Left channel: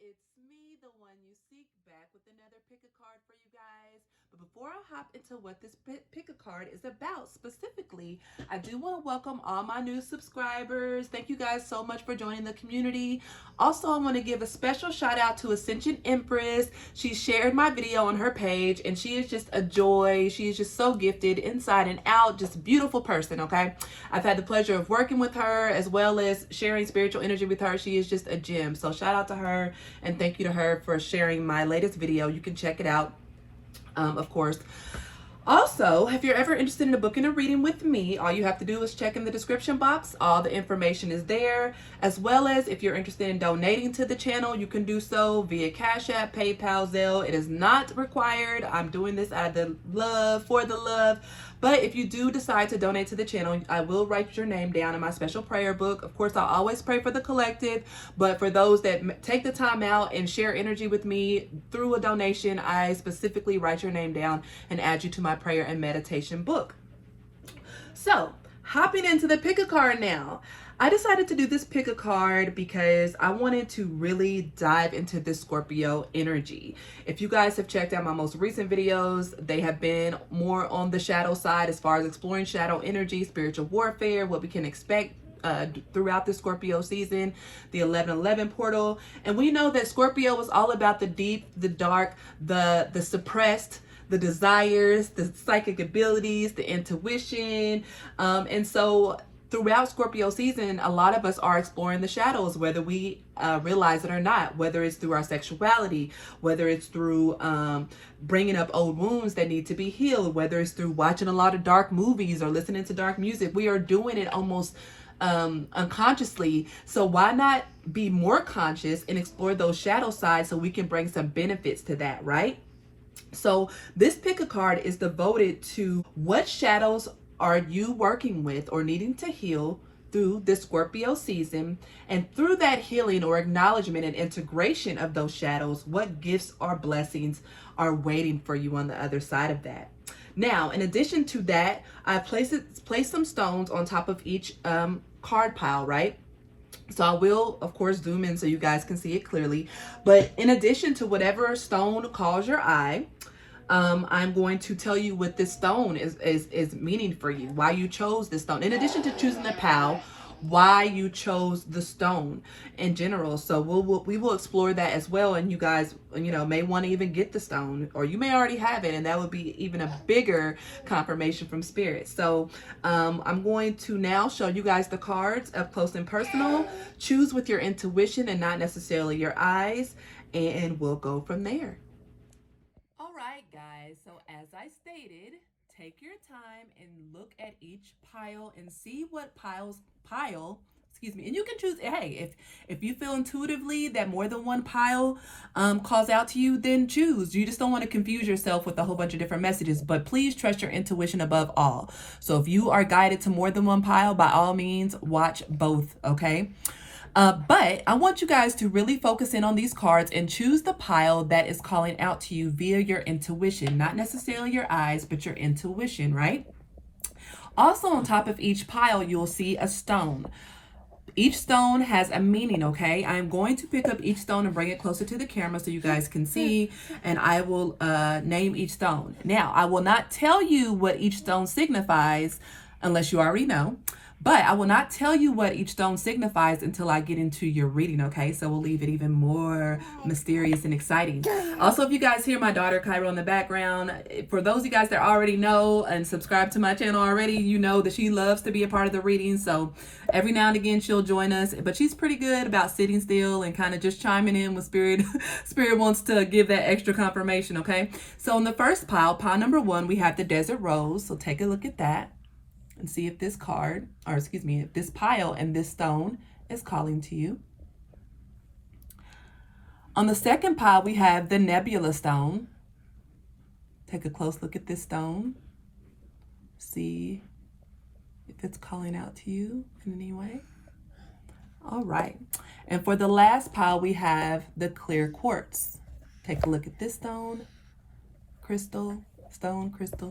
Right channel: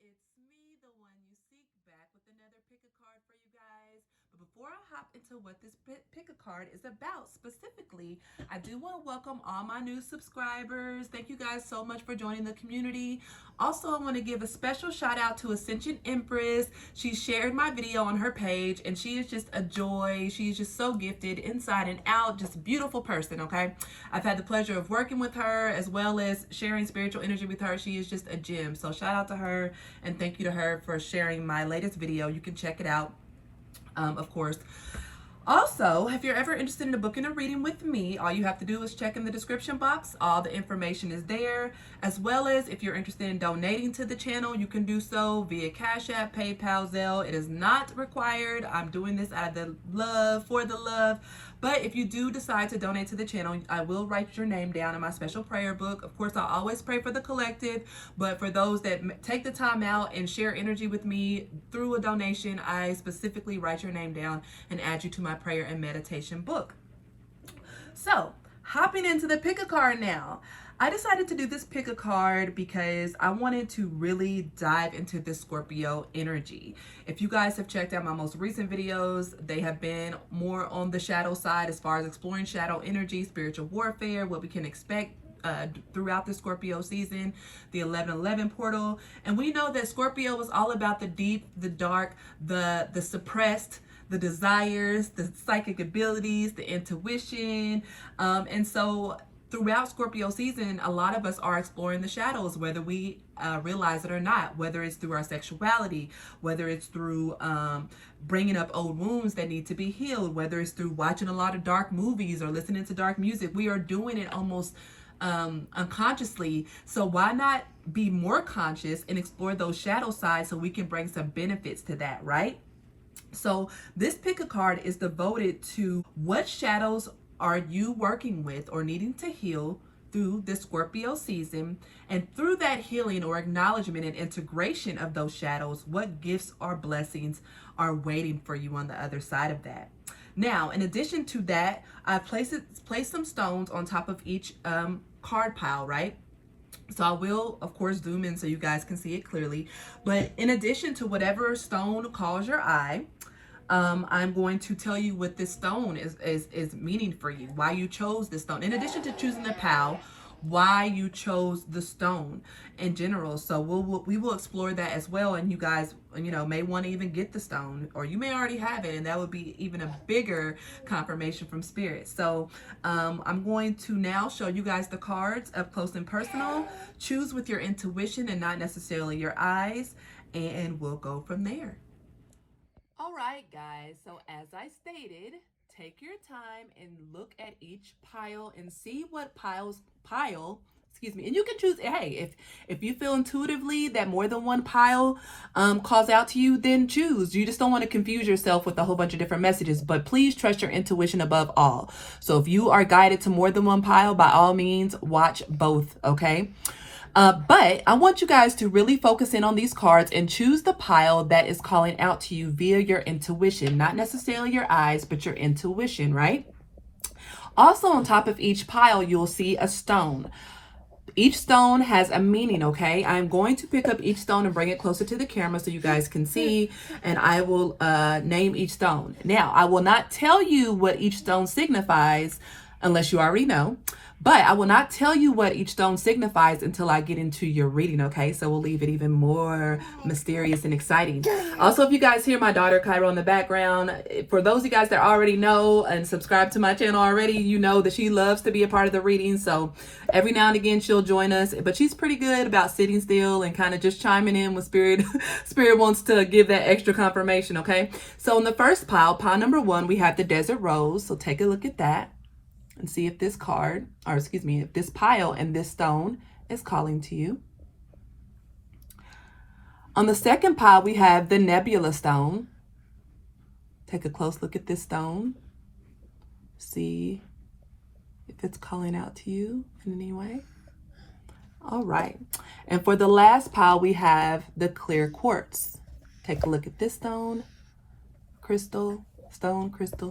It's me, the one you seek, back with another pick a card for you guys. But before I hop into what this pick a card is about specifically, I do want to welcome all my new subscribers. Thank you guys so much for joining the community. Also, I want to give a special shout out to Ascension Empress. She shared my video on her page and she is just a joy. She is just so gifted inside and out, just a beautiful person, okay? I've had the pleasure of working with her as well as sharing spiritual energy with her. She is just a gem. So shout out to her and thank you to her for sharing my latest video. You can check it out, of course. Also, if you're ever interested in a book and a reading with me, all you have to do is check in the description box. All the information is there, as well as if you're interested in donating to the channel, you can do so via Cash App, PayPal, Zelle. It is not required. I'm doing this out of the love, for the love. But if you do decide to donate to the channel, I will write your name down in my special prayer book. Of course, I'll always pray for the collective, but for those that take the time out and share energy with me through a donation, I specifically write your name down and add you to my prayer and meditation book. So, hopping into the pick a card now. I decided to do this pick a card because I wanted to really dive into this Scorpio energy. If you guys have checked out my most recent videos, they have been more on the shadow side as far as exploring shadow energy, spiritual warfare, what we can expect throughout the Scorpio season, the 11/11 portal. And we know that Scorpio is all about the deep, the dark, the suppressed, the desires, the psychic abilities, the intuition. And so throughout Scorpio season, a lot of us are exploring the shadows, whether we realize it or not, whether it's through our sexuality, whether it's through bringing up old wounds that need to be healed, whether it's through watching a lot of dark movies or listening to dark music. We are doing it almost unconsciously. So why not be more conscious and explore those shadow sides so we can bring some benefits to that, right? So this pick a card is devoted to what shadows are you working with or needing to heal through the Scorpio season, and through that healing or acknowledgement and integration of those shadows, what gifts or blessings are waiting for you on the other side of that. Now, in addition to that, I placed some stones on top of each card pile, right? So I will, of course, zoom in so you guys can see it clearly. But in addition to whatever stone calls your eye, I'm going to tell you what this stone is meaning for you, why you chose this stone. In addition to choosing the pal, why you chose the stone in general. So we will explore that as well. And you guys, may want to even get the stone, or you may already have it, and that would be even a bigger confirmation from spirit. So I'm going to now show you guys the cards up close and personal. Choose with your intuition and not necessarily your eyes, and we'll go from there. All right, guys, so as I stated, take your time and look at each pile and see what excuse me, and you can choose, hey, if you feel intuitively that more than one pile calls out to you, then choose. You just don't want to confuse yourself with a whole bunch of different messages, but please trust your intuition above all. So if you are guided to more than one pile, by all means, watch both, okay? But I want you guys to really focus in on these cards and choose the pile that is calling out to you via your intuition, not necessarily your eyes, but your intuition, right? Also, on top of each pile, you'll see a stone. Each stone has a meaning, okay? I'm going to pick up each stone and bring it closer to the camera so you guys can see, and I will name each stone. Now, I will not tell you what each stone signifies unless you already know. But I will not tell you what each stone signifies until I get into your reading, okay? So we'll leave it even more mysterious and exciting. Also, if you guys hear my daughter Cairo in the background, for those of you guys that already know and subscribe to my channel already, you know that she loves to be a part of the reading. So every now and again, she'll join us. But she's pretty good about sitting still and kind of just chiming in when Spirit wants to give that extra confirmation, okay? So in the first pile number 1, we have the Desert Rose. So take a look at that and see if this card, or excuse me, if this pile and this stone is calling to you. On the second pile, we have the Nebula stone. Take a close look at this stone. See if it's calling out to you in any way. All right. And for the last pile, we have the clear quartz. Take a look at this stone, crystal,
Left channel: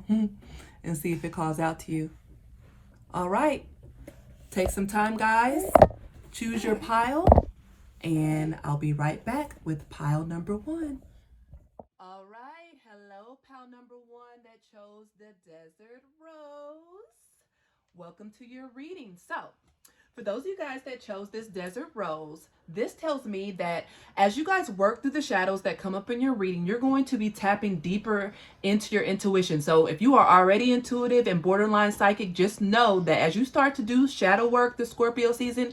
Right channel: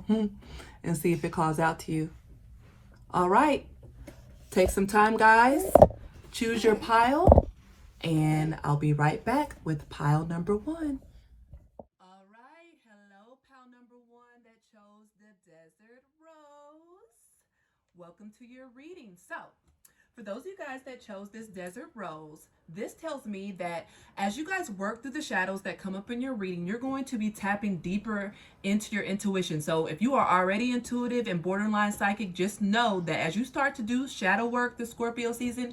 and see if it calls out to you. All right, take some time, guys. Choose your pile and I'll be right back with pile number 1. All right, hello, pile number 1 that chose the Desert Rose. Welcome to your reading. So, for those of you guys that chose this Desert Rose, this tells me that as you guys work through the shadows that come up in your reading, you're going to be tapping deeper into your intuition. So if you are already intuitive and borderline psychic, just know that as you start to do shadow work this Scorpio season,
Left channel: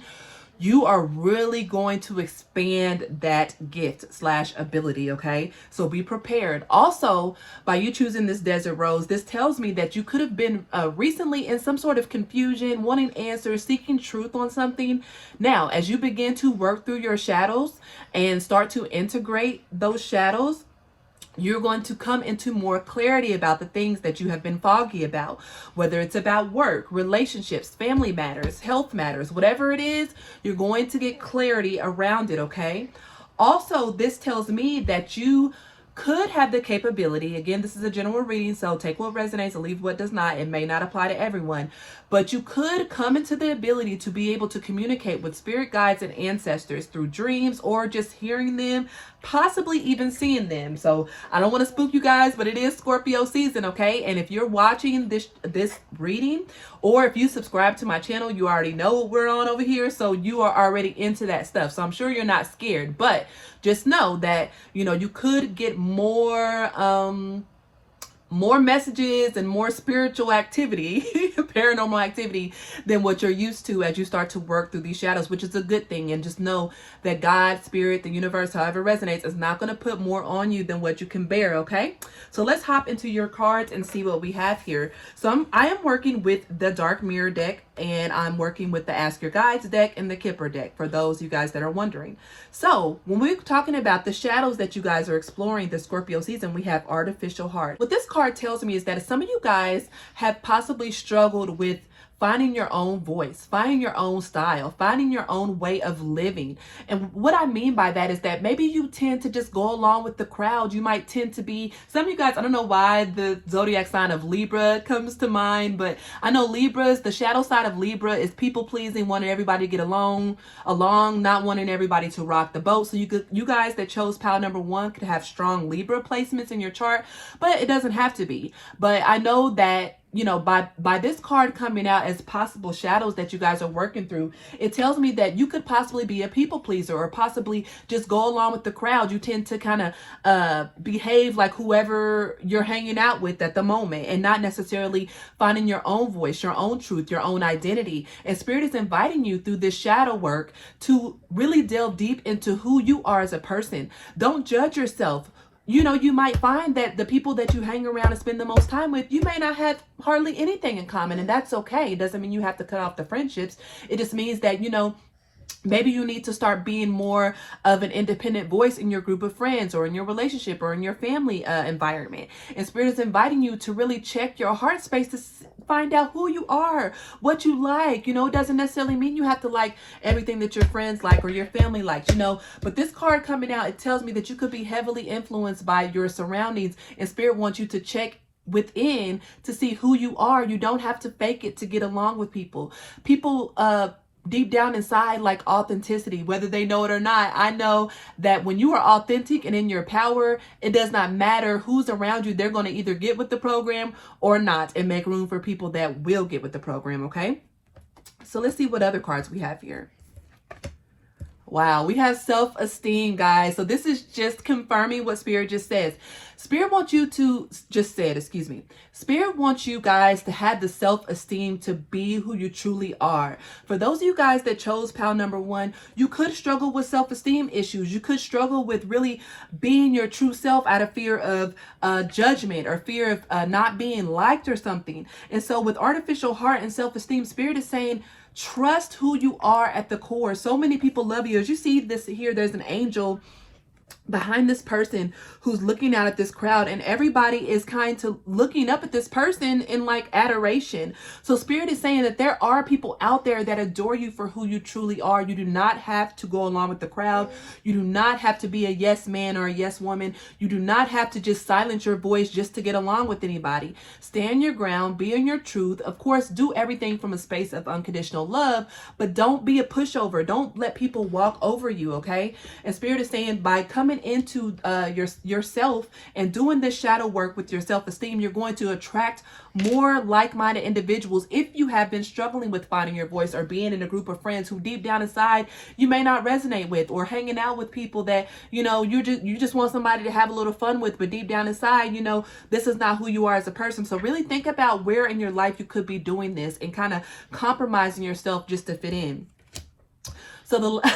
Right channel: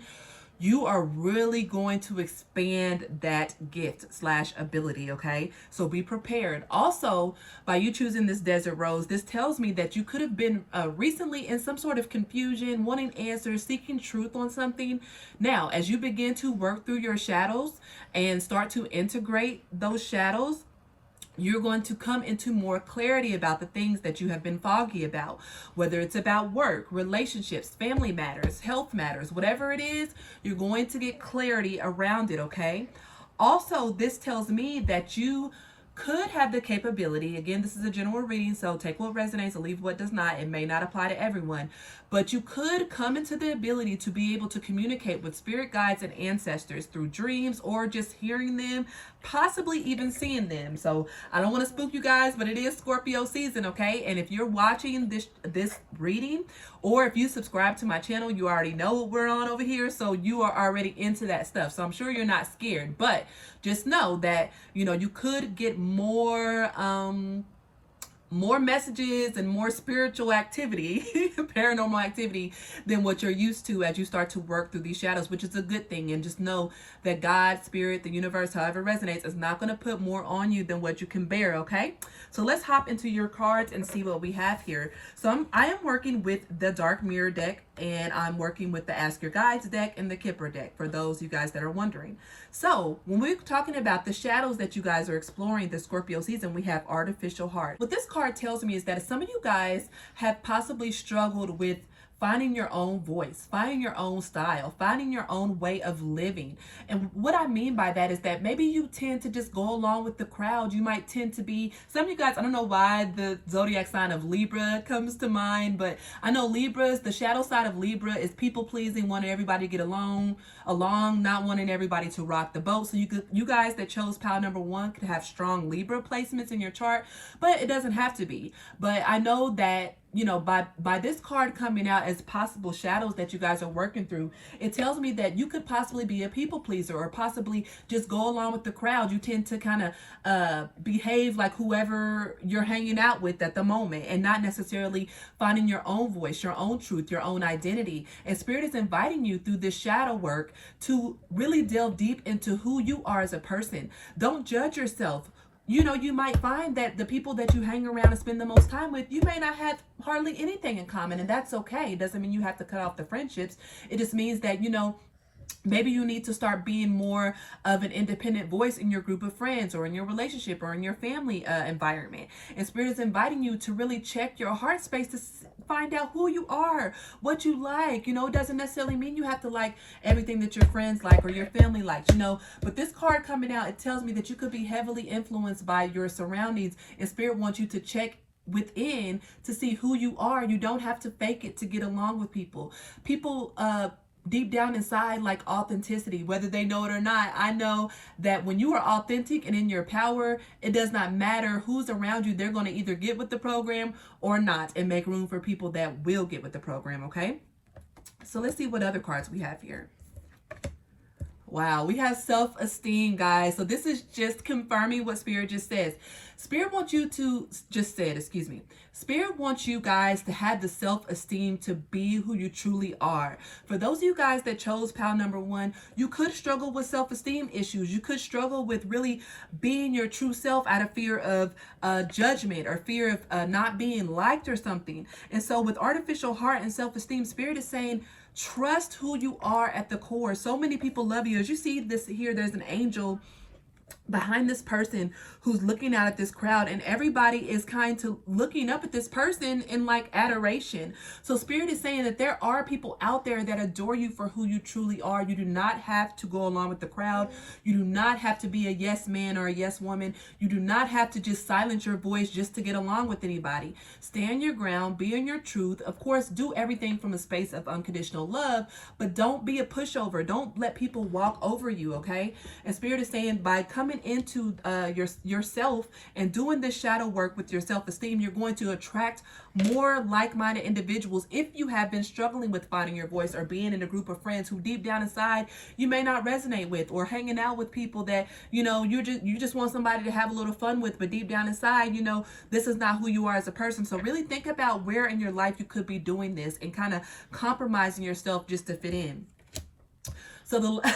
you are really going to expand that gift slash ability, okay? So be prepared. Also, by you choosing this Desert Rose, this tells me that you could have been recently in some sort of confusion, wanting answers, seeking truth on something. Now, as you begin to work through your shadows and start to integrate those shadows, you're going to come into more clarity about the things that you have been foggy about, whether it's about work, relationships, family matters, health matters, whatever it is, you're going to get clarity around it, okay? Also, this tells me that you could have the capability, again, this is a general reading, so take what resonates and leave what does not. It may not apply to everyone, but you could come into the ability to be able to communicate with spirit guides and ancestors through dreams or just hearing them, possibly even seeing them. So I don't want to spook you guys, but it is Scorpio season, okay? And if you're watching this reading, or if you subscribe to my channel, you already know what we're on over here, so you are already into that stuff. So I'm sure you're not scared, but just know that, you know, you could get more messages and more spiritual activity, paranormal activity, than what you're used to as you start to work through these shadows, which is a good thing. And just know that God, spirit, the universe, however it resonates, is not going to put more on you than what you can bear, okay? So let's hop into your cards and see what we have here. So I am working with the Dark Mirror deck, and I'm working with the Ask Your Guides deck and the Kipper deck, for those of you guys that are wondering. So when we're talking about the shadows that you guys are exploring this Scorpio season, we have Artificial Heart. What this card tells me is that some of you guys have possibly struggled with finding your own voice, finding your own style, finding your own way of living. And what I mean by that is that maybe you tend to just go along with the crowd. You might tend to be, some of you guys, I don't know why the zodiac sign of Libra comes to mind, but I know Libras, the shadow side of Libra is people pleasing, wanting everybody to get along, not wanting everybody to rock the boat. So you guys that chose pile number 1 could have strong Libra placements in your chart, but it doesn't have to be. But I know that, you know, by this card coming out as possible shadows that you guys are working through, it tells me that you could possibly be a people pleaser or possibly just go along with the crowd. You tend to kind of behave like whoever you're hanging out with at the moment, and not necessarily finding your own voice, your own truth, your own identity. And Spirit is inviting you through this shadow work to really delve deep into who you are as a person. Don't judge yourself. You know, you might find that the people that you hang around and spend the most time with, you may not have hardly anything in common, and that's okay. It doesn't mean you have to cut off the friendships. It just means that, you know, maybe you need to start being more of an independent voice in your group of friends or in your relationship or in your family environment. And Spirit is inviting you to really check your heart space to find out who you are, what you like. You know, it doesn't necessarily mean you have to like everything that your friends like or your family likes, you know. But this card coming out, it tells me that you could be heavily influenced by your surroundings, and Spirit wants you to check within to see who you are. You don't have to fake it to get along with people. People deep down inside like authenticity, whether they know it or not. I know that when you are authentic and in your power, it does not matter who's around you. They're going to either get with the program or not, and make room for people that will get with the program, okay? So let's see what other cards we have here. Wow, we have self-esteem, guys. So this is just confirming what Spirit just says. Spirit wants you to, Spirit wants you guys to have the self-esteem to be who you truly are. For those of you guys that chose pile number 1, you could struggle with self-esteem issues. You could struggle with really being your true self out of fear of judgment or fear of not being liked or something. And so with Artificial Heart and self-esteem, Spirit is saying, trust who you are at the core. So many people love you. As you see this here, there's an angel behind this person who's looking out at this crowd, and everybody is kind of looking up at this person in like adoration. So Spirit is saying that there are people out there that adore you for who you truly are. You do not have to go along with the crowd. You do not have to be a yes man or a yes woman. You do not have to just silence your voice just to get along with anybody. Stand your ground, be in your truth. Of course, do everything from a space of unconditional love, but don't be a pushover. Don't let people walk over you, okay? And Spirit is saying by coming into yourself and doing this shadow work with your self-esteem, you're going to attract more like-minded individuals. If you have been struggling with finding your voice or being in a group of friends who deep down inside you may not resonate with, or hanging out with people that you just want somebody to have a little fun with, but deep down inside this is not who you are as a person. So really think about where in your life you could be doing this and kind of compromising yourself just to fit in. So the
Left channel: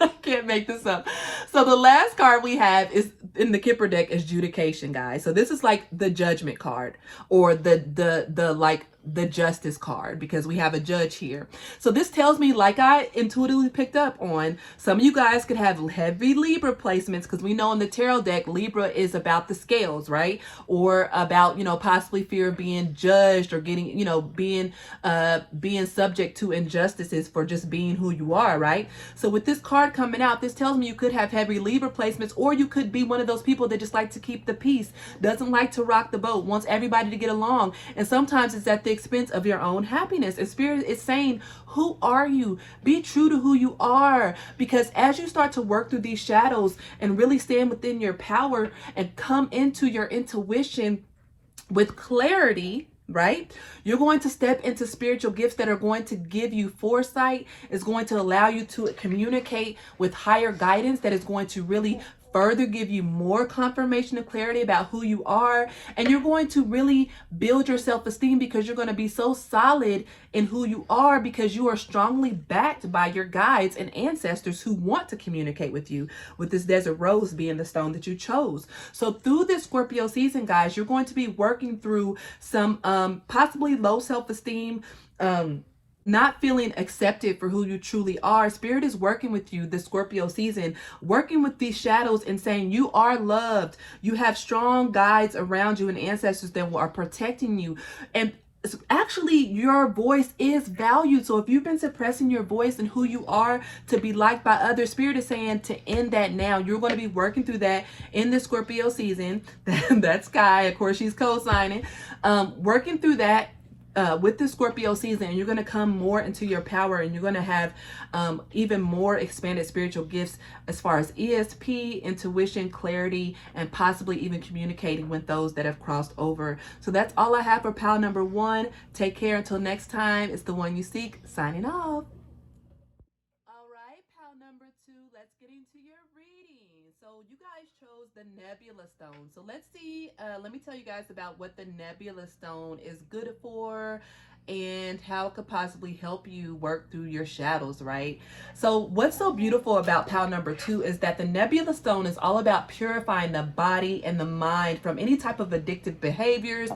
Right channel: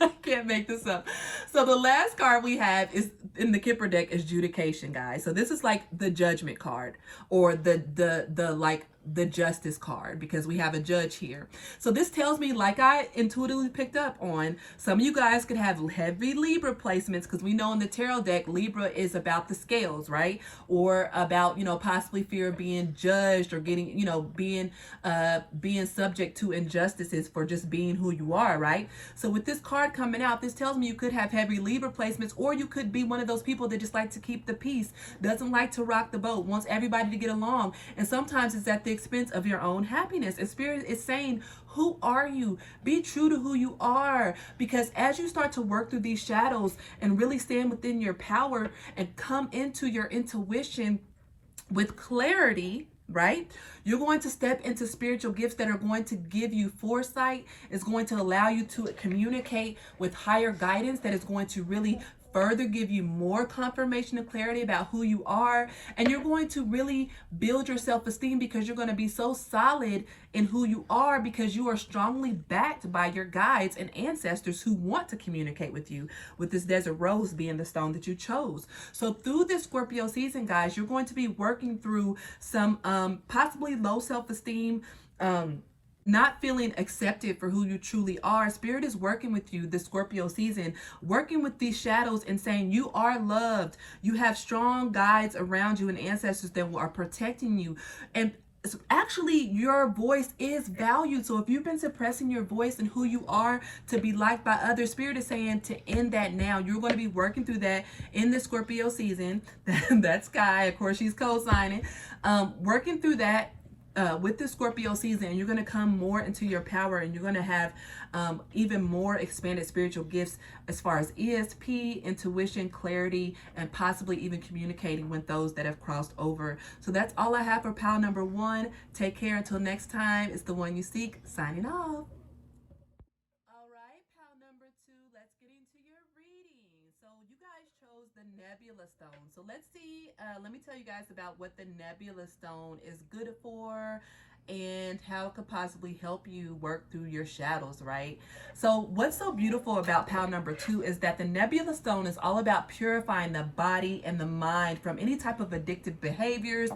I can't make this up. So the last card we have is in the Kipper deck is Judication, guys. So this is like the Judgment card, or the Justice card, because we have a judge here. So this tells me, like I intuitively picked up on, some of you guys could have heavy Libra placements, because we know in the tarot deck Libra is about the scales, right? Or about possibly fear of being judged, or getting being subject to injustices for just being who you are, right? So with this card coming out, this tells me you could have heavy Libra placements, or you could be one of those people that just like to keep the peace, doesn't like to rock the boat, wants everybody to get along, and sometimes it's at the expense of your own happiness. And Spirit is saying, who are you? Be true to who you are, because as you start to work through these shadows and really stand within your power and come into your intuition with clarity, right? You're going to step into spiritual gifts that are going to give you foresight, is going to allow you to communicate with higher guidance, that is going to really further give you more confirmation and clarity about who you are. And you're going to really build your self-esteem, because you're going to be so solid in who you are, because you are strongly backed by your guides and ancestors who want to communicate with you, with this desert rose being the stone that you chose. So through this Scorpio season, guys, you're going to be working through some possibly low self-esteem, not feeling accepted for who you truly are. Spirit is working with you this Scorpio season, working with these shadows and saying you are loved. You have strong guides around you and ancestors that are protecting you. And actually, your voice is valued. So if you've been suppressing your voice and who you are to be liked by others, Spirit is saying to end that now. You're going to be working through that in the Scorpio season. That's Sky, of course, she's co-signing. Working through that with the Scorpio season, and you're going to come more into your power, and you're going to have even more expanded spiritual gifts as far as ESP, intuition, clarity, and possibly even communicating with those that have crossed over. So that's all I have for pile number 1. Take care until next time. It's the one you seek, signing off. All right, pile number 2, let's get into your reading. So you guys chose the Nebula stone. So let's see, let me tell you guys about what the Nebula stone is good for and how it could possibly help you work through your shadows, right? So what's so beautiful about pile number 2 is that the Nebula stone is all about purifying the body and the mind from any type of addictive behaviors,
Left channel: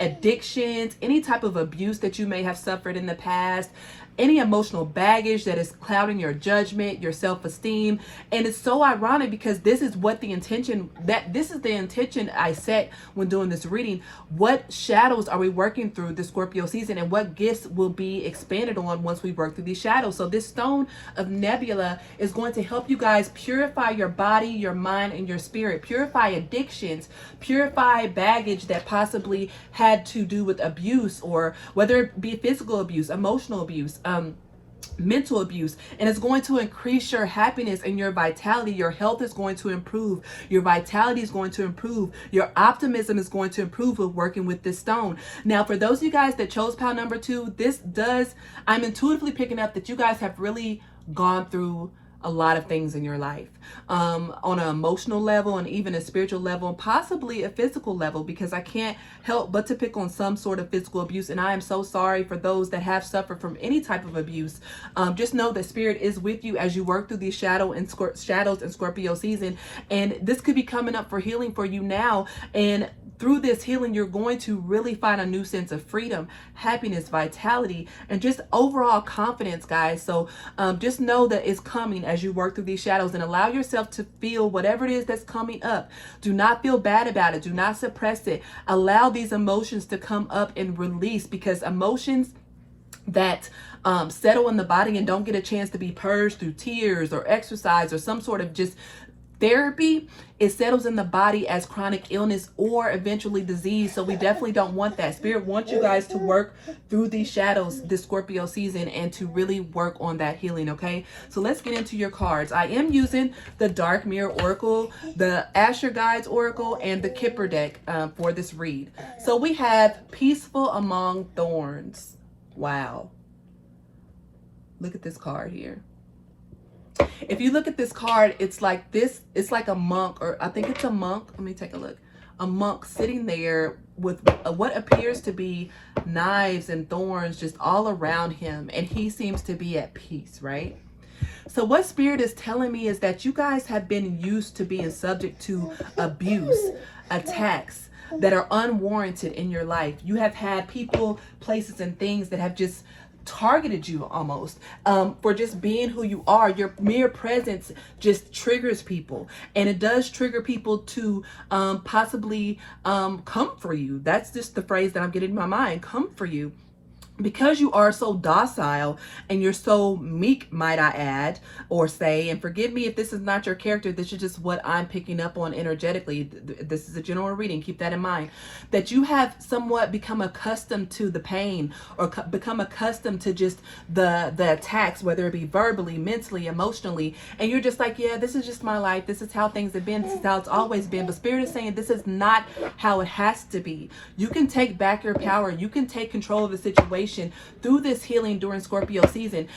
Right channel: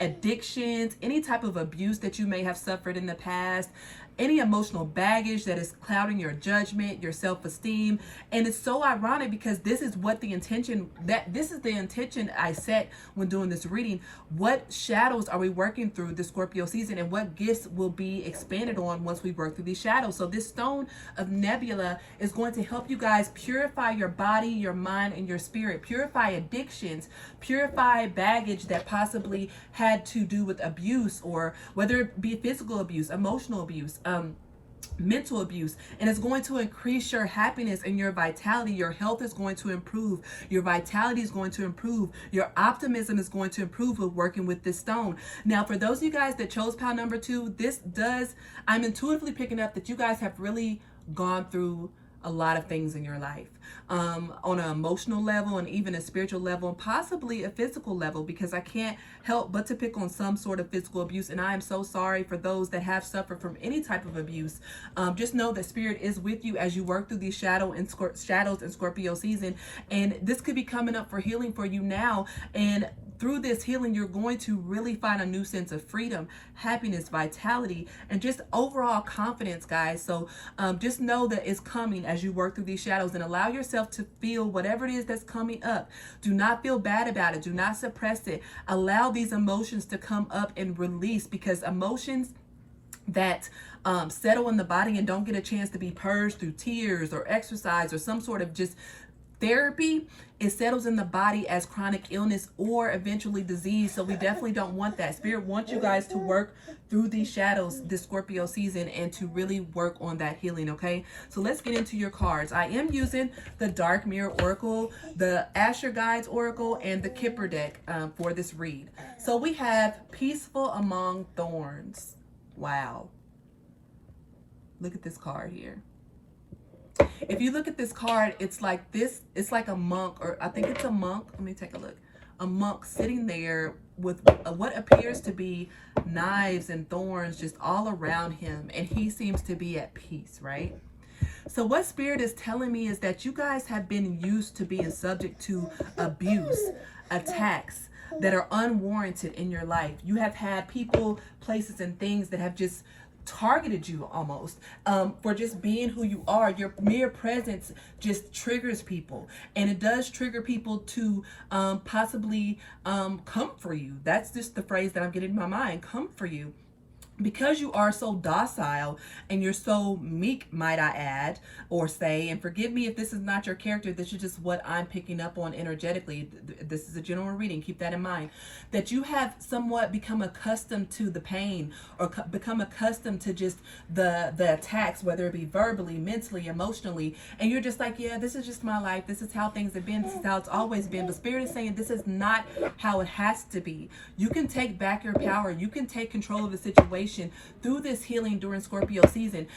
addictions, any type of abuse that you may have suffered in the past, any emotional baggage that is clouding your judgment, your self-esteem. And it's so ironic, because this is what the intention I set when doing this reading. What shadows are we working through this Scorpio season, and what gifts will be expanded on once we work through these shadows? So this stone of Nebula is going to help you guys purify your body, your mind, and your spirit, purify addictions, purify baggage that possibly had to do with abuse, or whether it be physical abuse, emotional abuse, mental abuse. And it's going to increase your happiness and your vitality. Your health is going to improve. Your vitality is going to improve. Your optimism is going to improve with working with this stone. Now, for those of you guys that chose pile number 2, I'm intuitively picking up that you guys have really gone through a lot of things in your life, on an emotional level and even a spiritual level, and possibly a physical level, because I can't help but to pick on some sort of physical abuse. And I am so sorry for those that have suffered from any type of abuse. Just know that Spirit is with you as you work through these shadows and Scorpio season. And this could be coming up for healing for you now. And through this healing, you're going to really find a new sense of freedom, happiness, vitality, and just overall confidence, guys. So just know that it's coming as you work through these shadows, and allow yourself to feel whatever it is that's coming up. Do not feel bad about it. Do not suppress it. Allow these emotions to come up and release, because emotions that settle in the body and don't get a chance to be purged through tears or exercise or some sort of just therapy, it settles in the body as chronic illness or eventually disease. So we definitely don't want that. Spirit wants you guys to work through these shadows this Scorpio season and to really work on that healing, okay? So let's get into your cards. I am using the Dark Mirror Oracle, the Asher Guides Oracle, and the Kipper deck for this read. So we have Peaceful Among Thorns. Wow. Look at this card here. If you look at this card, it's like this, it's like a monk, or I think it's a monk. Let me take a look. A monk sitting there with what appears to be knives and thorns just all around him. And he seems to be at peace, right? So what Spirit is telling me is that you guys have been used to being subject to abuse, attacks that are unwarranted in your life. You have had people, places, and things that have just targeted you almost for just being who you are. Your mere presence just triggers people, and it does trigger people to possibly come for you. That's just the phrase that I'm getting in my mind, come for you. Because you are so docile and you're so meek, might I add, or say, and forgive me if this is not your character, this is just what I'm picking up on energetically. This is a general reading, keep that in mind, that you have somewhat become accustomed to the pain, or become accustomed to just the attacks, whether it be verbally, mentally, emotionally, and you're just like, yeah, this is just my life, this is how things have been, this is how it's always been. But Spirit is saying this is not how it has to be. You can take back your power, you can take control of the situation through this healing during Scorpio season.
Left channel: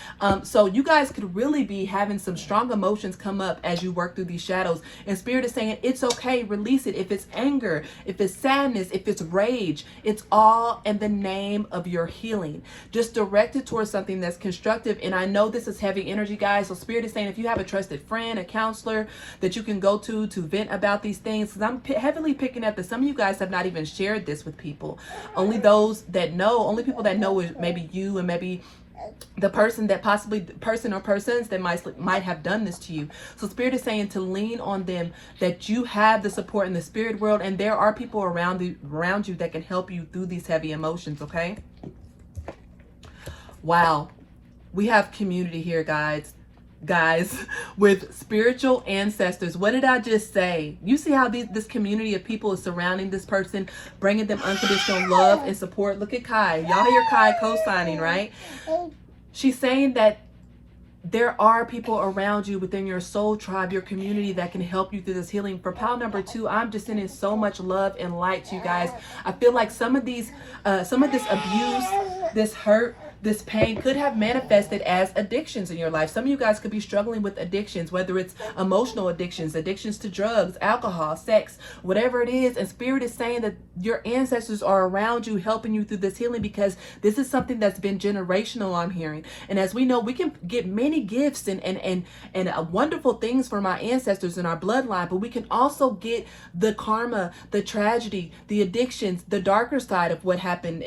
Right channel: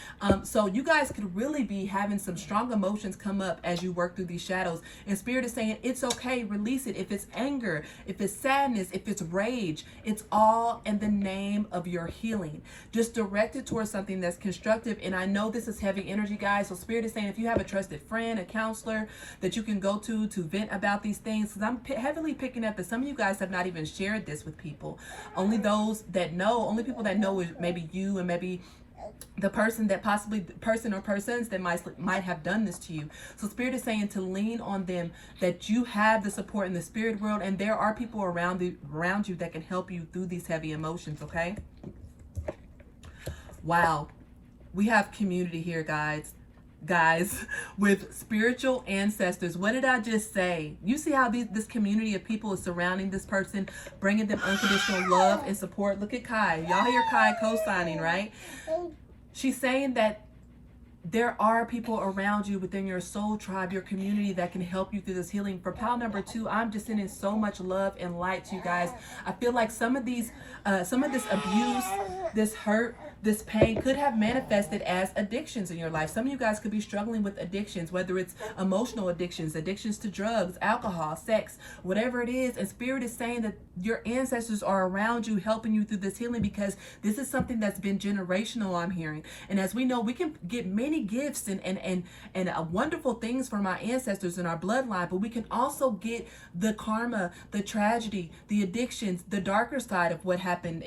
So you guys could really be having some strong emotions come up as you work through these shadows, and Spirit is saying it's okay, release it. If it's anger, if it's sadness, if it's rage, it's all in the name of your healing. Just direct it towards something that's constructive. And I know this is heavy energy, guys, so Spirit is saying if you have a trusted friend, a counselor that you can go to vent about these things, because I'm heavily picking up that some of you guys have not even shared this with people. Only those that know, only people that know is maybe you, and maybe the person that possibly, person or persons that might have done this to you. So Spirit is saying to lean on them, that you have the support in the spirit world, and there are people around you that can help you through these heavy emotions, okay? Wow. We have community here, guys, with spiritual ancestors. What did I just say? You see how this community of people is surrounding this person, bringing them unconditional love and support. Look at Kai. Y'all hear Kai co-signing, right? She's saying that there are people around you within your soul tribe, your community, that can help you through this healing. For pile number 2, I'm just sending so much love and light to you guys. I feel like some of this abuse, this hurt, this pain could have manifested as addictions in your life. Some of you guys could be struggling with addictions, whether it's emotional addictions, addictions to drugs, alcohol, sex, whatever it is. And Spirit is saying that your ancestors are around you, helping you through this healing, because this is something that's been generational, I'm hearing. And as we know, we can get many gifts and wonderful things from our ancestors in our bloodline, but we can also get the karma, the tragedy, the addictions, the darker side of what happened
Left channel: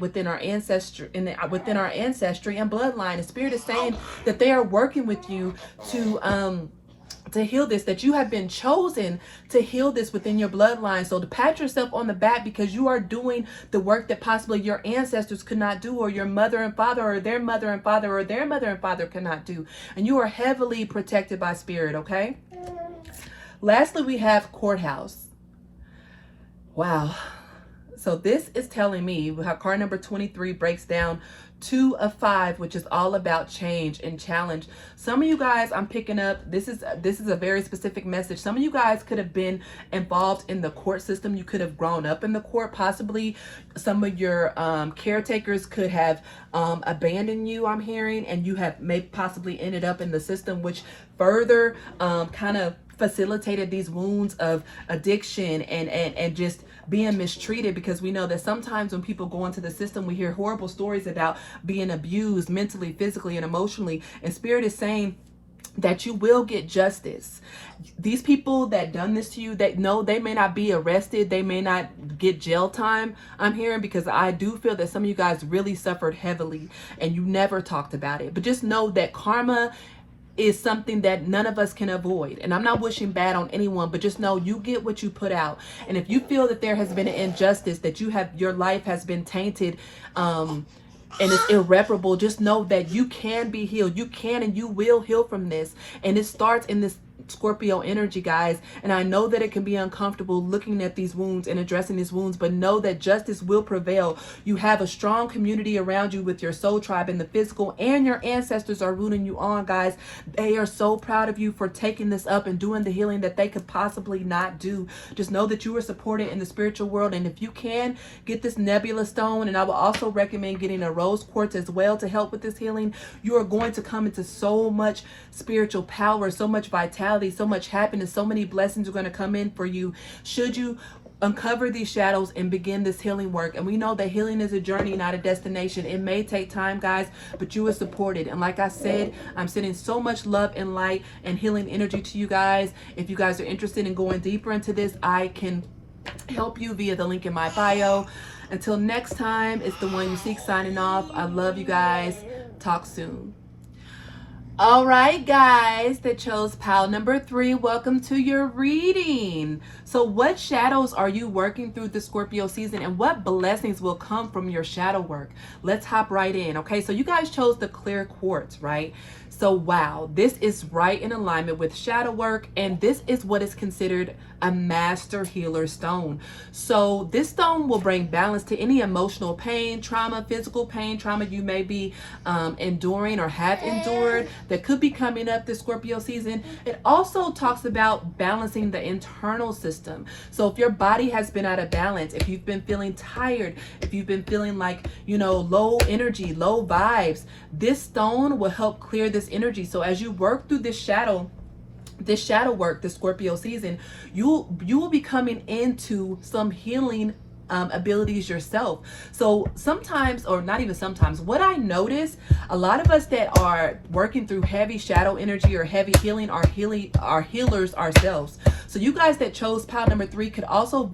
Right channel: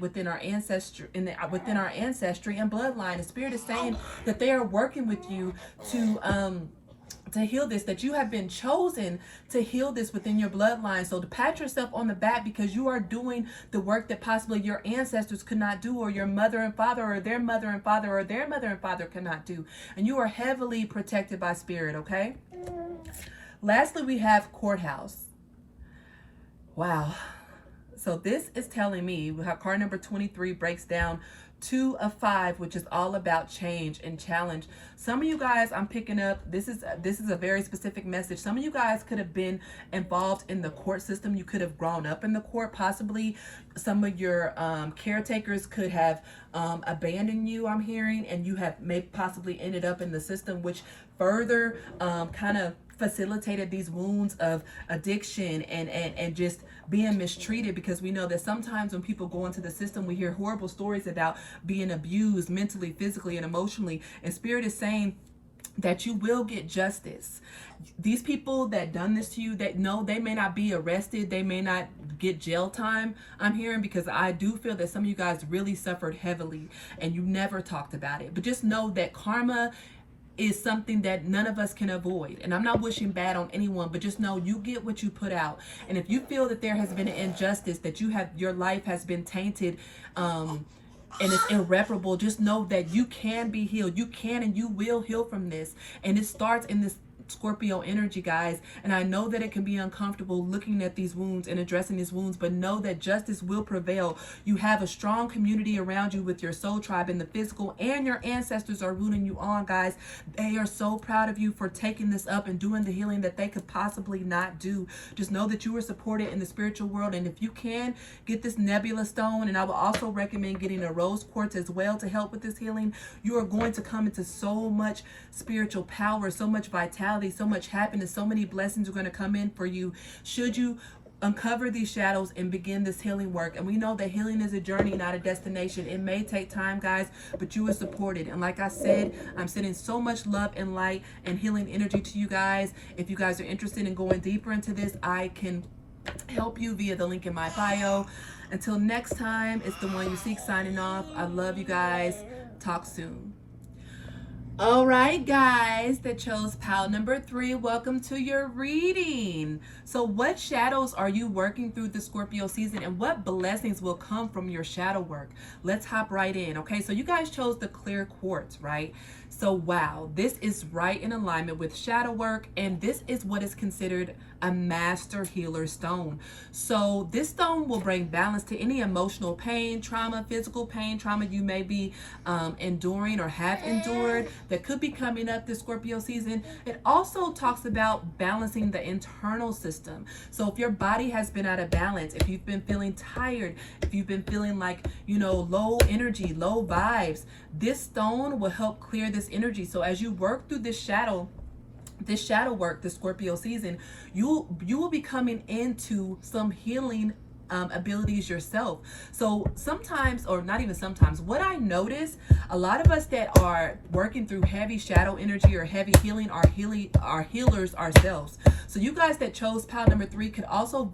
within our ancestry and bloodline. And Spirit is saying that they are working with you to heal this, that you have been chosen to heal this within your bloodline. So to pat yourself on the back, because you are doing the work that possibly your ancestors could not do, or your mother and father, or their mother and father, or their mother and father could not do. And you are heavily protected by Spirit, okay? Lastly, we have Courthouse. Wow. So this is telling me how card number 23 breaks down 2 of 5, which is all about change and challenge. Some of you guys, I'm picking up, this is a very specific message. Some of you guys could have been involved in the court system. You could have grown up in the court. Possibly some of your caretakers could have abandoned you, I'm hearing, and you have maybe possibly ended up in the system, which further kind of facilitated these wounds of addiction and just being mistreated, because we know that sometimes when people go into the system, we hear horrible stories about being abused mentally, physically, and emotionally. And Spirit is saying that you will get justice. These people that done this to you, that know they may not be arrested, they may not get jail time, I'm hearing, because I do feel that some of you guys really suffered heavily and you never talked about it. But just know that karma is something that none of us can avoid. And I'm not wishing bad on anyone, but just know you get what you put out. And if you feel that there has been an injustice, that your life has been tainted, and it's irreparable, just know that you can be healed. You can and you will heal from this. And it starts in this Scorpio energy, guys. And I know that it can be uncomfortable looking at these wounds and addressing these wounds, but know that justice will prevail. You have a strong community around you with your soul tribe in the physical, and your ancestors are rooting you on, guys. They are so proud of you for taking this up and doing the healing that they could possibly not do. Just know that you are supported in the spiritual world. And if you can, get this Nebula stone, and I will also recommend getting a rose quartz as well to help with this healing. You are going to come into so much spiritual power, so much vitality, so much happiness, so many blessings are going to come in for you should you uncover these shadows and begin this healing work. And we know that healing is a journey, not a destination. It may take time, guys, but you are supported. And like I said, I'm sending so much love and light and healing energy to you guys. If you guys are interested in going deeper into this, I can help you via the link in my bio. Until next time, it's the one you seek signing off. I love you guys. Talk soon. All right, guys that chose pile number 3, welcome to your reading. So what shadows are you working through the Scorpio season, and what blessings will come from your shadow work? Let's hop right in. Okay, so you guys chose the clear quartz, right? So wow, this is right in alignment with shadow work, and this is what is considered a master healer stone. So this stone will bring balance to any emotional pain, trauma, physical pain, trauma you may be enduring or have endured that could be coming up this Scorpio season. It also talks about balancing the internal system. So if your body has been out of balance, if you've been feeling tired, if you've been feeling like, you know, low energy, low vibes, this stone will help clear this energy. So as you work through this shadow work, the Scorpio season, you will be coming into some healing abilities yourself. So sometimes, or not even sometimes, what I notice, a lot of us that are working through heavy shadow energy or heavy healing are healers ourselves. So you guys that chose pile number 3 could also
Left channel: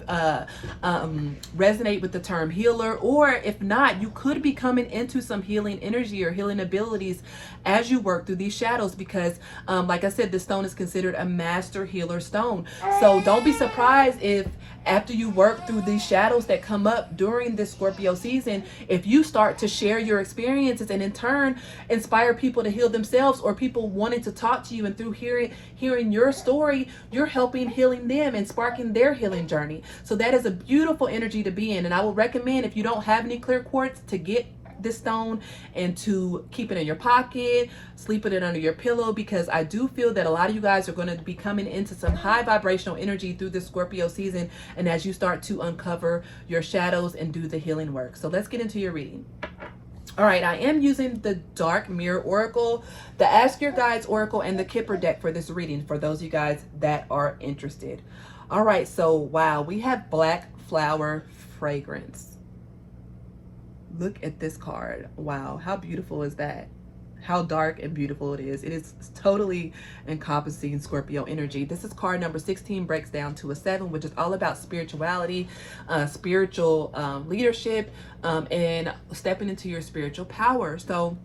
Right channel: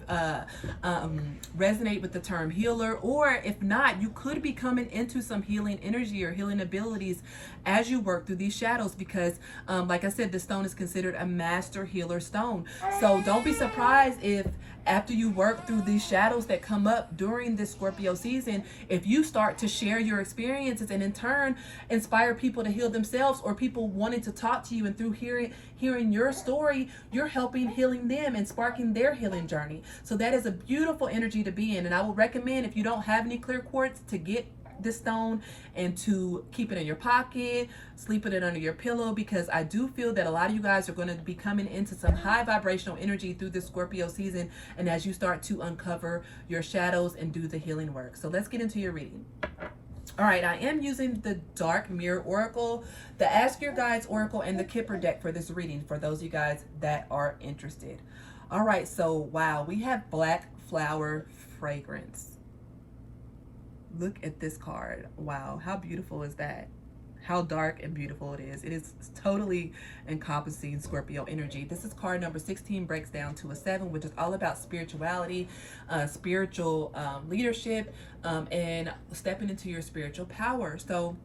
resonate with the term healer, or if not, you could be coming into some healing energy or healing abilities as you work through these shadows, because like I said, this stone is considered a master healer stone. So don't be surprised if after you work through these shadows that come up during this Scorpio season, if you start to share your experiences and in turn inspire people to heal themselves, or people wanting to talk to you, and through hearing your story, you're helping healing them and sparking their healing journey. So that is a beautiful energy to be in. And I would recommend, if you don't have any clear quartz, to get this stone and to keep it in your pocket, sleeping it under your pillow, because I do feel that a lot of you guys are going to be coming into some high vibrational energy through the Scorpio season, and as you start to uncover your shadows and do the healing work. So let's get into your reading. All right, I am using the Dark Mirror Oracle, the Ask Your Guides Oracle, and the Kipper deck for this reading, for those of you guys that are interested. All right, so wow, we have Black Flower Fragrance. Look at this card. Wow, how beautiful is that? How dark and beautiful it is. It is totally encompassing Scorpio energy. This is card number 16, breaks down to a 7, which is all about spirituality, spiritual leadership, and stepping into your spiritual power. So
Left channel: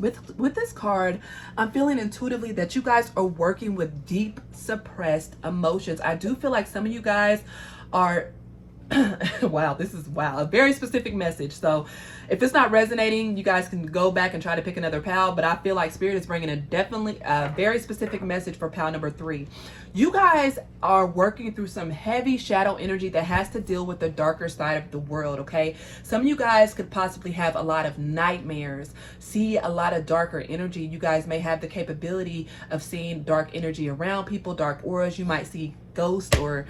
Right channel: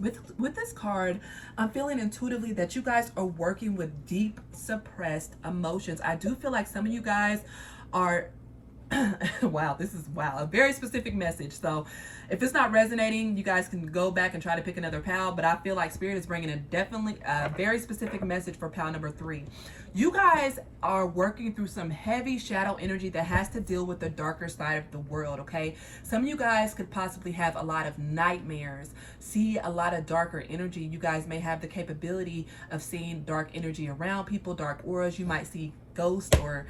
with this card, I'm feeling intuitively that you guys are working with deep suppressed emotions. I do feel like some of you guys are wow, this is a very specific message. So if it's not resonating, you guys can go back and try to pick another pal, but I feel like Spirit is bringing a very specific message for pal number 3. You guys are working through some heavy shadow energy that has to deal with the darker side of the world, okay? Some of you guys could possibly have a lot of nightmares, see a lot of darker energy. You guys may have the capability of seeing dark energy around people, dark auras. You might see ghosts or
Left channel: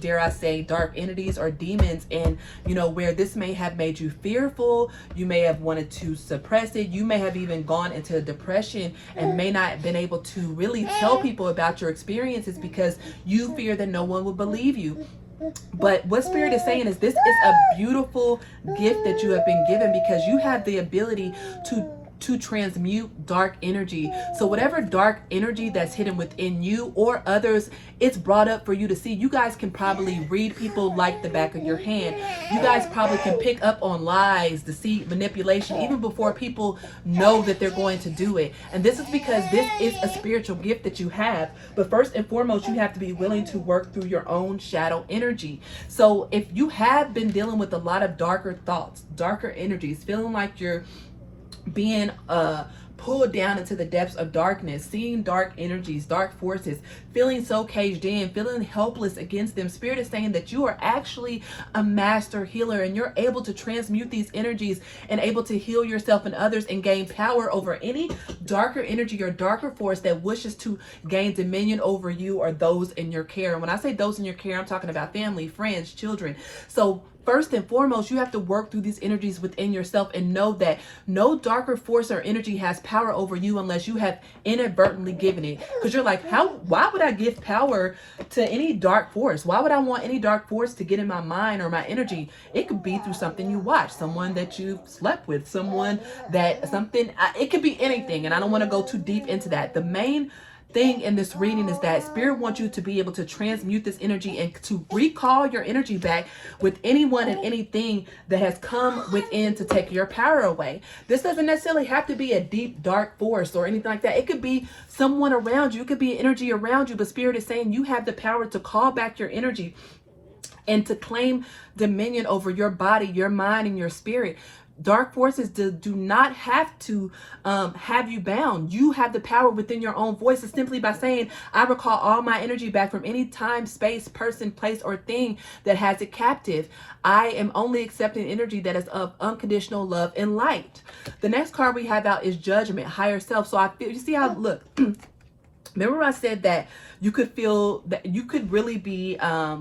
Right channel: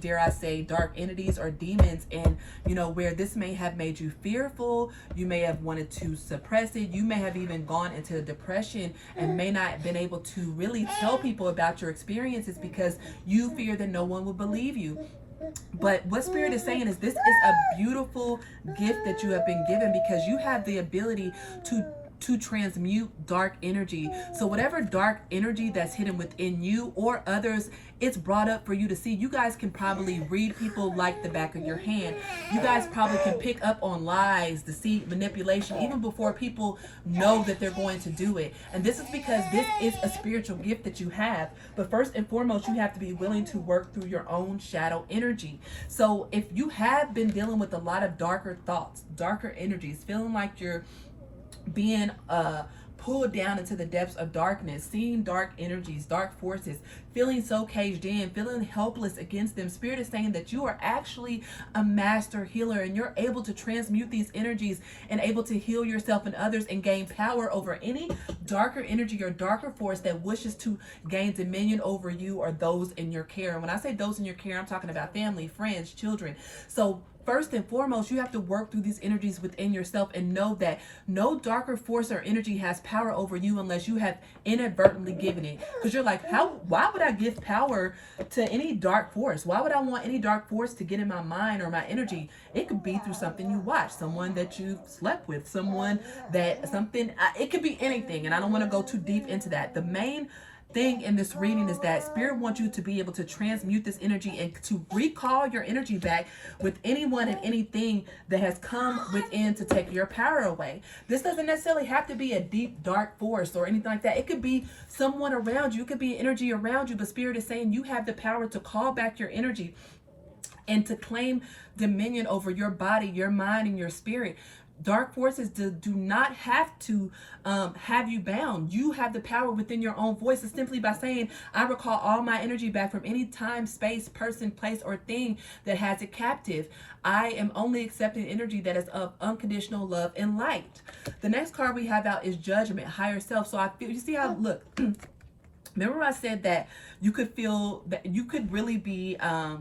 dare I say dark entities or demons, and you know, where this may have made you fearful, you may have wanted to suppress it, you may have even gone into depression and may not have been able to really tell people about your experiences because you fear that no one will believe you. But what Spirit is saying is this is a beautiful gift that you have been given, because you have the ability to to transmute dark energy. So whatever dark energy that's hidden within you or others, it's brought up for you to see. You guys can probably read people like the back of your hand. You guys probably can pick up on lies, deceit, manipulation, even before people know that they're going to do it. And this is because this is a spiritual gift that you have. But first and foremost, you have to be willing to work through your own shadow energy. So if you have been dealing with a lot of darker thoughts, darker energies, feeling like you're being pulled down into the depths of darkness, seeing dark energies, dark forces, feeling so caged in, feeling helpless against them, Spirit is saying that you are actually a master healer, and you're able to transmute these energies and able to heal yourself and others and gain power over any darker energy or darker force that wishes to gain dominion over you or those in your care. And when I say those in your care, I'm talking about family, friends, children. So first and foremost, you have to work through these energies within yourself and know that no darker force or energy has power over you unless you have inadvertently given it. Because you're like, why would I give power to any dark force? Why would I want any dark force to get in my mind or my energy? It could be through something you watch, someone that you've slept with, it could be anything. And I don't want to go too deep into that. The main thing in this reading is that Spirit wants you to be able to transmute this energy and to recall your energy back with anyone and anything that has come within to take your power away. This doesn't necessarily have to be a deep dark force or anything like that. It could be someone around you. It could be energy around you, but Spirit is saying you have the power to call back your energy and to claim dominion over your body, your mind, and your spirit. Dark forces do not have to have you bound. You have the power within your own voice. It's simply by saying, I recall all my energy back from any time, space, person, place, or thing that has it captive. I am only accepting energy that is of unconditional love and light. The next card we have out is Judgment, Higher Self. So I feel, you see how, look, remember I said that you could feel that you could really be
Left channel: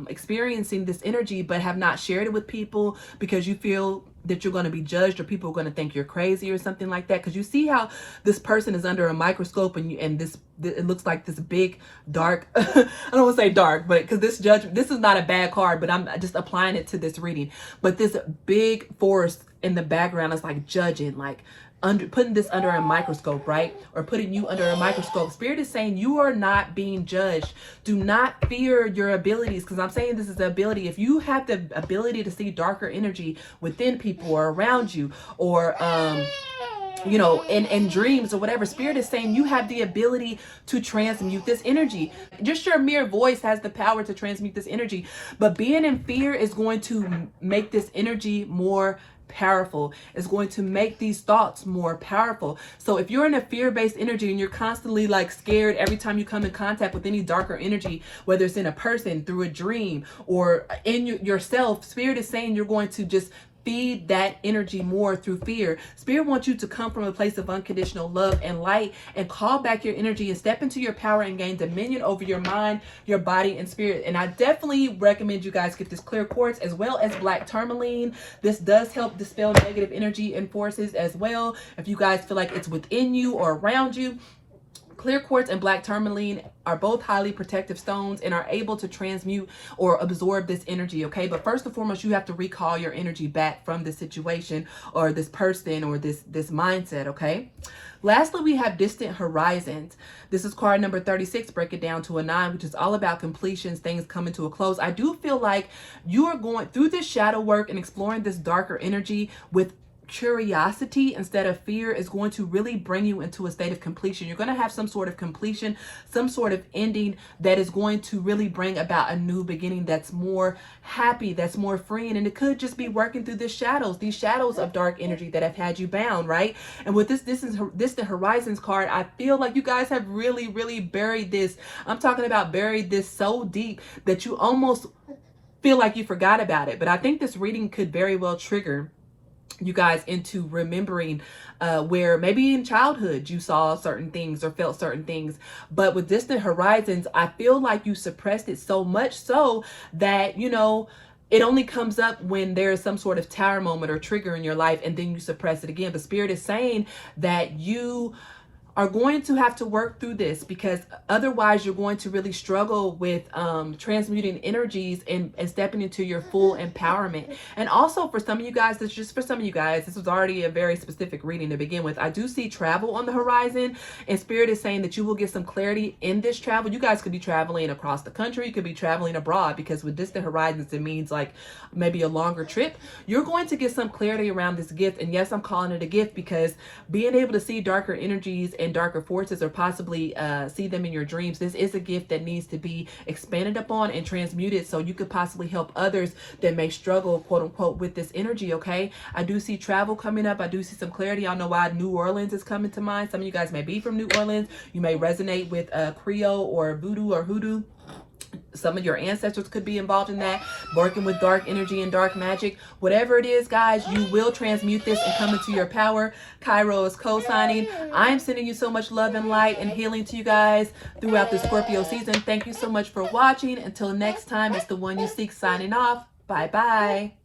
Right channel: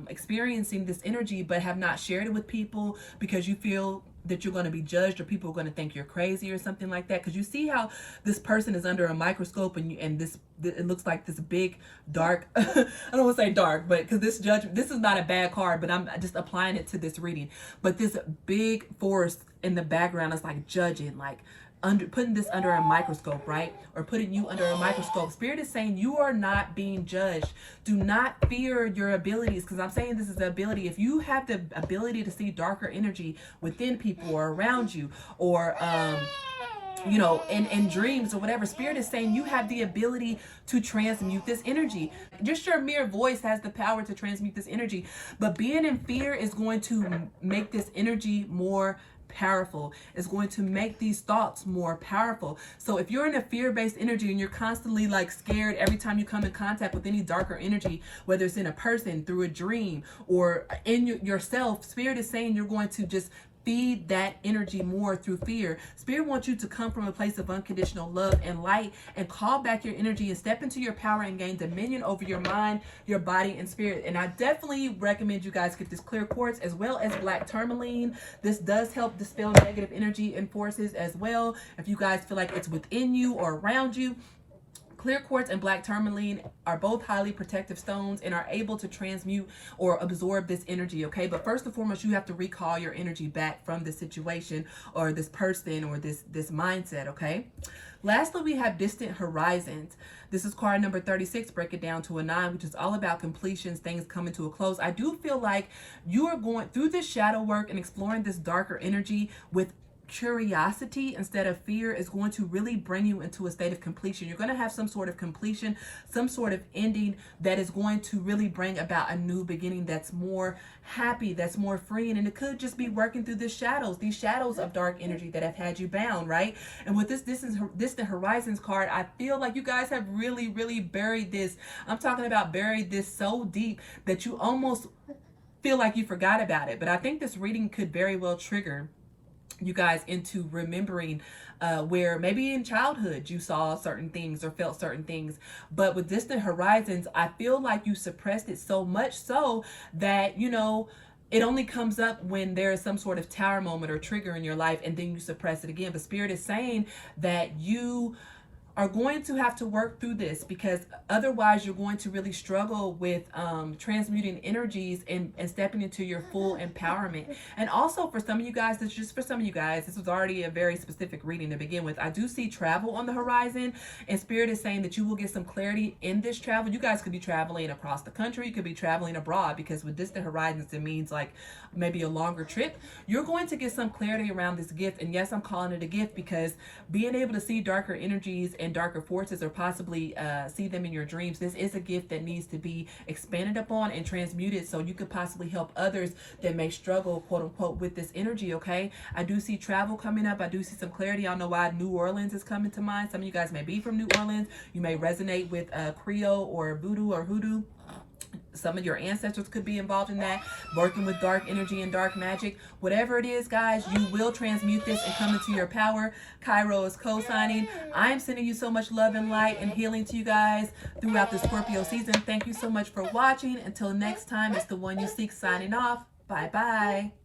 experiencing this energy but have not shared it with people because you feel that you're going to be judged or people are going to think you're crazy or something like that. Because you see how this person is under a microscope and it looks like this big dark I don't want to say dark, but because this is not a bad card, but I'm just applying it to this reading. But this big force in the background is like judging, like putting this under a microscope, right? Or putting you under a microscope. Spirit is saying you are not being judged. Do not fear your abilities, because I'm saying this is the ability. If you have the ability to see darker energy within people or around you, or in dreams or whatever, Spirit is saying you have the ability to transmute this energy. Just your mere voice has the power to transmute this energy. But being in fear is going to make this energy more powerful. It's going to make these thoughts more powerful. So if you're in a fear-based energy and you're constantly like scared every time you come in contact with any darker energy, whether it's in a person, through a dream, or in yourself, Spirit is saying you're going to just feed that energy more through fear. Spirit wants you to come from a place of unconditional love and light and call back your energy and step into your power and gain dominion over your mind, your body, and spirit. And I definitely recommend you guys get this clear quartz as well as black tourmaline. This does help dispel negative energy and forces as well. If you guys feel like it's within you or around you, clear quartz and black tourmaline are both highly protective stones and are able to transmute or absorb this energy, okay? But first and foremost, you have to recall your energy back from this situation or this person or this mindset, okay? Lastly, we have Distant Horizons. This is card number 36. Break it down to a 9, which is all about completions, things coming to a close. I do feel like you are going through this shadow work and exploring this darker energy with curiosity instead of fear is going to really bring you into a state of completion. You're going to have some sort of completion, some sort of ending that is going to really bring about a new beginning that's more happy, that's more freeing. And it could just be working through these shadows of dark energy that have had you bound, right? And with this Distant Horizons card, I feel like you guys have really, really buried this. I'm talking about buried this so deep that you almost feel like you forgot about it. But I think this reading could very well trigger you guys into remembering where maybe in childhood you saw certain things or felt certain things. But with Distant Horizons, I feel like you suppressed it so much so that, it only comes up when there is some sort of tower moment or trigger in your life, and then you suppress it again. But Spirit is saying that you are going to have to work through this, because otherwise you're going to really struggle with transmuting energies and stepping into your full empowerment. And also for some of you guys, this was already a very specific reading to begin with. I do see travel on the horizon, and Spirit is saying that you will get some clarity in this travel. You guys could be traveling across the country, you could be traveling abroad, because with distant horizons it means like maybe a longer trip. You're going to get some clarity around this gift. And yes, I'm calling it a gift because being able to see darker energies and darker forces, or possibly see them in your dreams, this is a gift that needs to be expanded upon and transmuted, so you could possibly help others that may struggle, quote unquote, with this energy. Okay, I do see travel coming up. I do see some clarity. I don't know why New Orleans is coming to mind. Some of you guys may be from New Orleans. You may resonate with Creole or voodoo or hoodoo. Some of your ancestors could be involved in that, working with dark energy and dark magic. Whatever it is, guys, you will transmute this and come into your power. Cairo is co-signing. I am sending you so much love and light and healing to you guys throughout the Scorpio season. Thank you so much for watching. Until next time, it's the one you seek signing off. Bye-bye.